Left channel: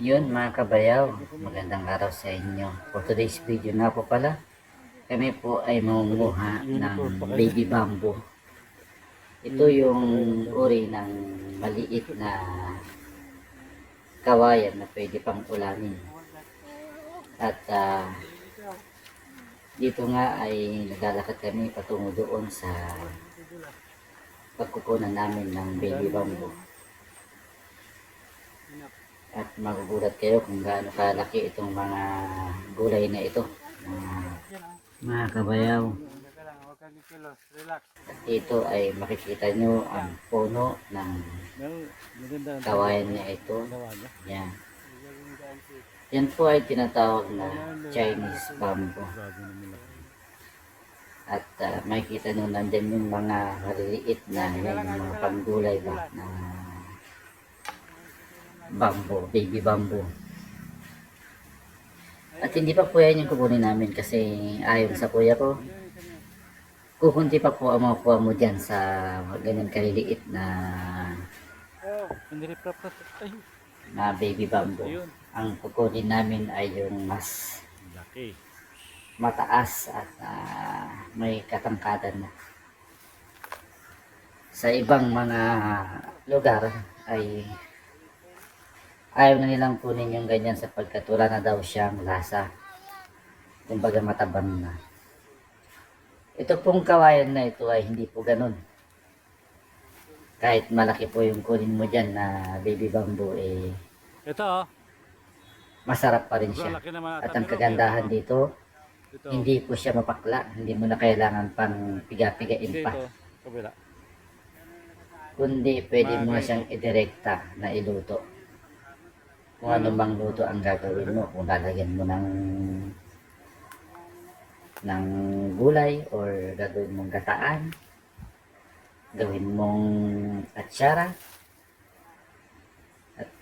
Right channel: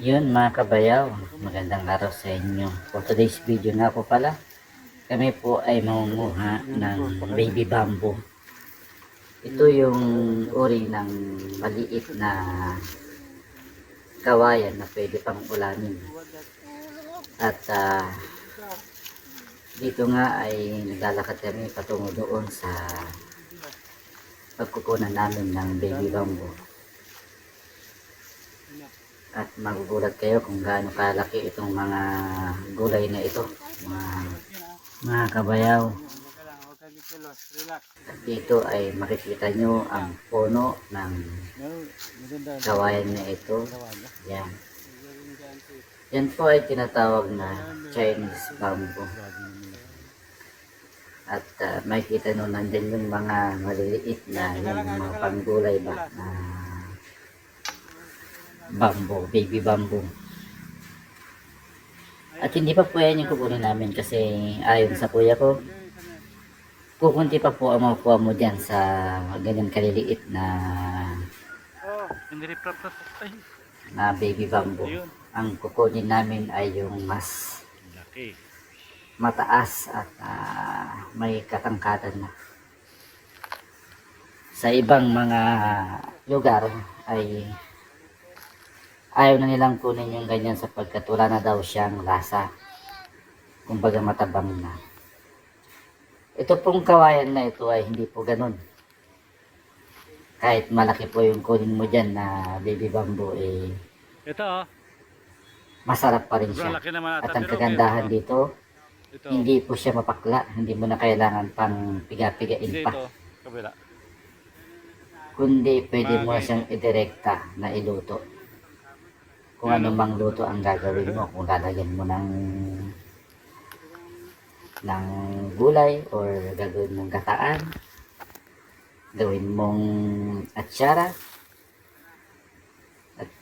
Yun mga kabayaw, magandang araw sa inyo. For today's video nga po pala, kami po ay mamumuha ng baby bamboo. Ito yung uri ng maliit na kawayan na pwede pang ulanin. At dito nga ay naglalakad kami patungo doon sa pagkukunan namin ng baby bamboo. At magugulat kayo kung gaano kalaki itong mga gulay na ito, mga kabayaw. At dito ay makikita nyo ang puno ng kawayan na ito. Yan. Yan po ay tinatawag na Chinese bamboo. At makikita nyo nandyan yung mga maliliit na yung mga panggulay ba na bamboo, baby bamboo. At hindi pa po yan yung kukunin namin kasi ayon sa kuya ko, kukunti pa po ang makukuha mo dyan sa ganyan kaliliit na baby bamboo. Ang kukunin namin ay yung mas mataas at may katangkadan na. Sa ibang mga lugar ay ayaw na nilang kunin yung ganyan sapagkat wala na daw siyang lasa. Kumbaga matabang na. Ito pong kawayan na ito ay hindi po ganun. Kahit malaki po yung kunin mo dyan na baby bamboo, Ito masarap pa rin sobrang siya. laki naman At ata. ang Pero kagandahan dito, ito, hindi po siya mapakla. Hindi mo na kailangan pang piga-pigain hindi pa. ito, kabila. Kundi pwede mo siyang idirekta na iluto. Kung ano bang luto ang gagawin mo, kung lalagyan mo ng gulay or gagawin mong gataan, gawin mong atsara, at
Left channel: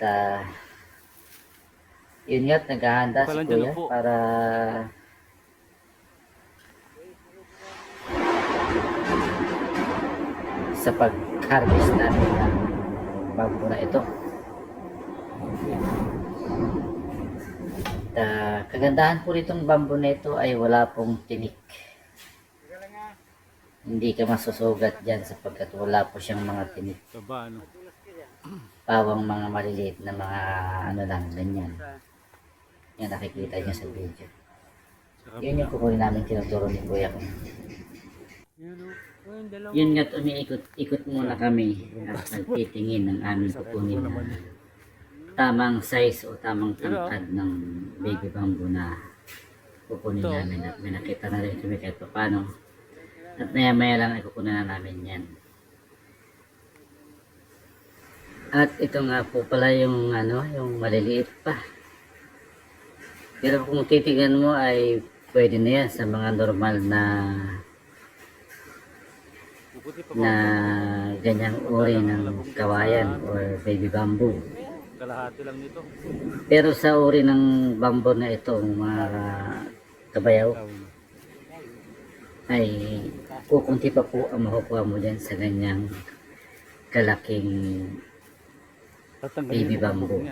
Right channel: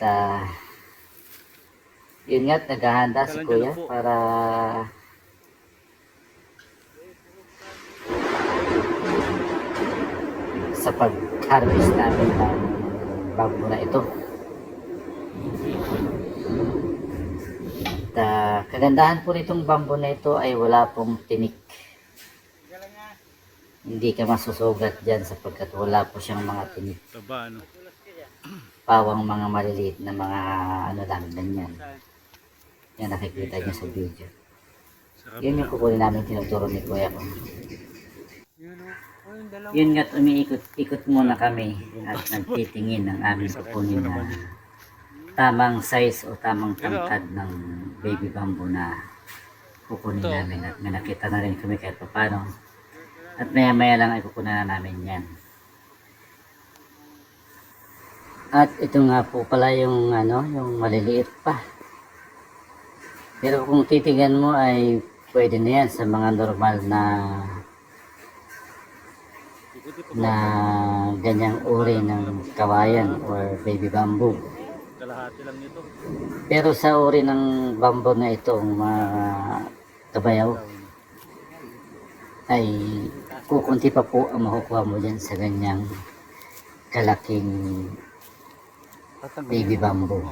yun nga, naghahanda si kuya para sa pag-harvest namin ng bamboo na ito. At kagandahan po nitong bamboo na ito ay wala pong tinik. Hindi ka masusugat dyan sapagkat wala po siyang mga tinik. Taba, ano? Pawang mga maliliit na mga ano lang, ganyan. Yan nakikita niyo sa video. Yun yung kukunin namin, tinuturo ni kuya ko. Yun nga't umiikot-ikot muna kami at nagtitingin ng aming kukunin na tamang size o tamang tangkad ng baby bamboo na kukunin namin. At may nakita na rin kami kahit paano. At maya maya lang ay kukunin na namin yan. At ito nga po pala yung yung maliliit pa. Pero kung titigan mo ay pwede na yan sa mga normal na ganyang uri ng kawayan or baby bamboo. Kalahati lang nito. Pero sa uri ng bamboo na ito, mga kabayaw, ay kukunti pa po ang makukuha mo dyan sa ganyang kalaking baby bamboo.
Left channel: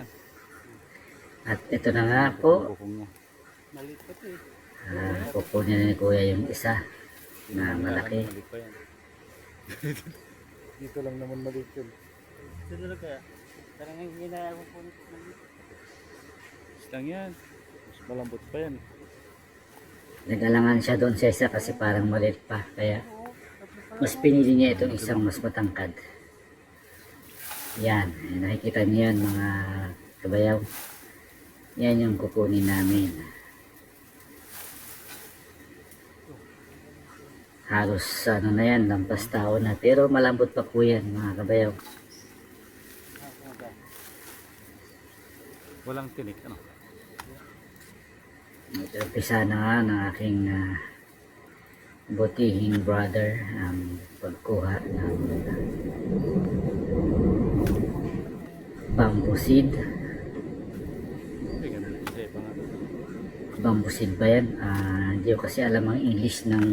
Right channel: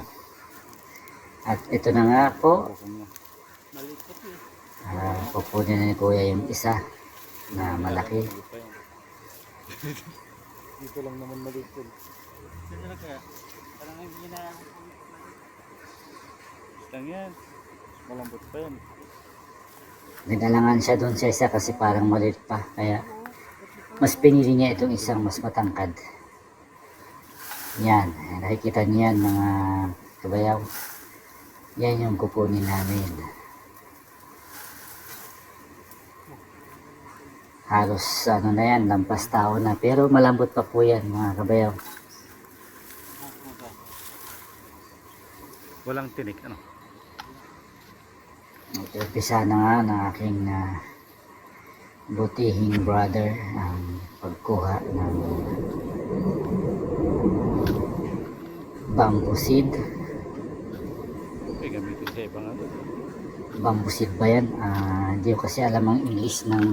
At ito na nga po, kukunin na ni kuya yung isa na malaki. Dito lang naman maliit yun. Dito lang kaya? Parang hindi na ako po. Lang yan. Mas malambot pa yan. Nadalangan siya doon sa isa kasi parang maliit pa. Kaya mas pinili niya itong isang mas matangkad. Yan. Nakikita niyo yan mga kabayaw. Yan yung kukunin namin. Halos ano na yan, lampas tao na. Pero malambot pa po yan mga kabayaw. Walang tinik, ano? Nagpisa na nga ng aking butihing brother ang pagkuha ng bamboo seed. May gamitin sa ibang ano. Bamboo seed ba yan? Hindi ko kasi alam ang English ng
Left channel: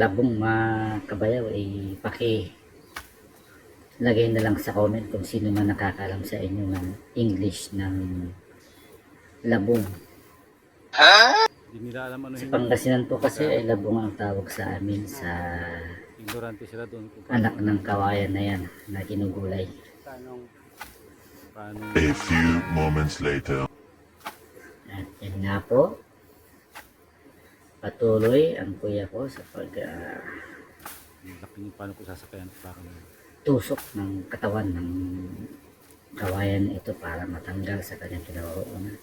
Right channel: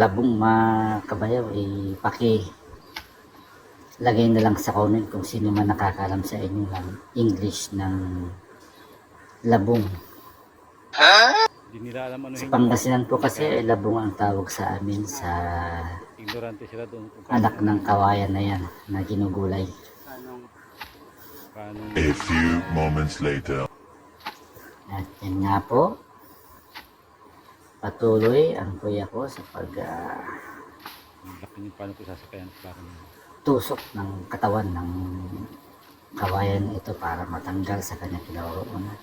labong makabayaw. lagay na lang sa comment kung sino man nakakalam sa inyo ng English ng labong. Hindi nila alam ano Sa yung Pangasinan po kasi ay labong ang tawag sa amin sa ignorante sila doon kung anak ng kawayan na yan na ginugulay. paano A few moments later. At yan nga po, patuloy ang kuya ko sa laki yung paano ko sasakayan para tusok ng katawan ng kawayan ito para matanggal sa kanyang kinaroroonan.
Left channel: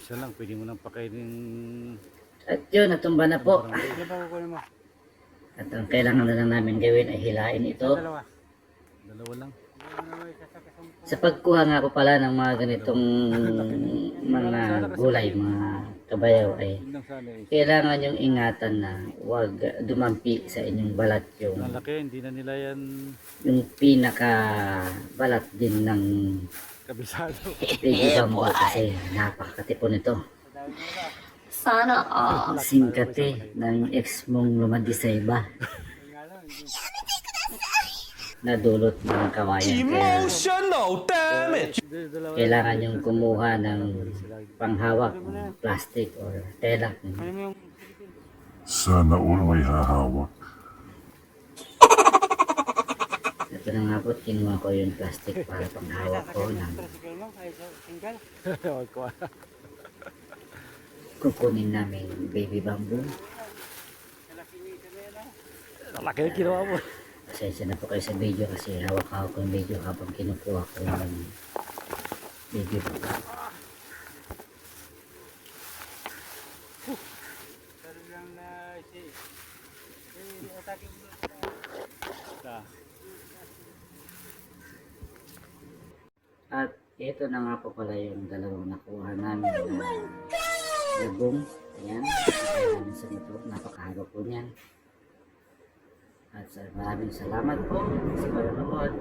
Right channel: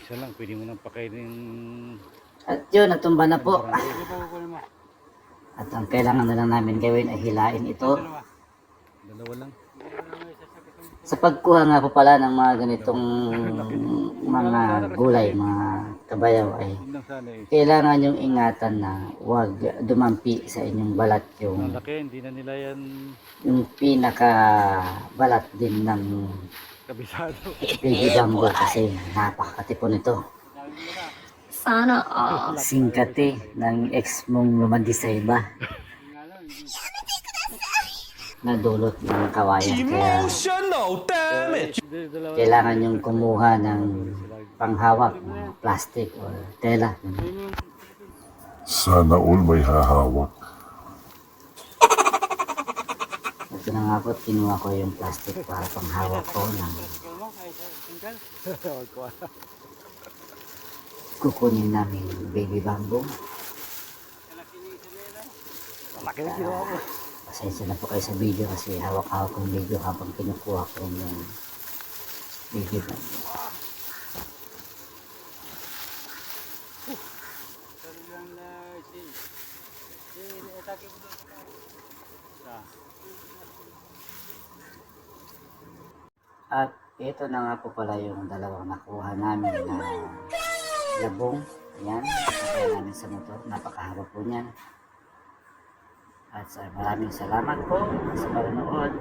isa lang pwede mo nang pakainin At yun, natumba na po. barangay. At ang kailangan na lang namin gawin ay hilain ito. Dalawa lang. Sa pagkuha nga po pala ng mga ganitong mga gulay, mga kabayaw ay Yun lang sana eh. kailangan yung ingatan na huwag dumampi sa inyong balat Ang yung laki, hindi na nila yan pinaka balat din ng kabisado. baby bamboo kasi napakatipon nito. Sana all. Singkate ng ex mong lumandi sa iba na dulot ng kawayan. Kaya Emotional damage. kailangan yung kumuha ng panghawak, ng plastic or tela. Sana all may hahawak. Ito na nga po, kinuha ko yung plastic para panghawak ko ng kukunin namin baby bamboo. Laki na kinuha mo. Pasensya na po kayo sa video kasi hawak-hawak ko yung video habang kinukuha ko ng baby bamboo. At ito na nga po pala yung dalawang nakuha namin na labong. Ayan, kaya namin sa motor. Napakahaba po niyan. At maraming salamat po sa panonood.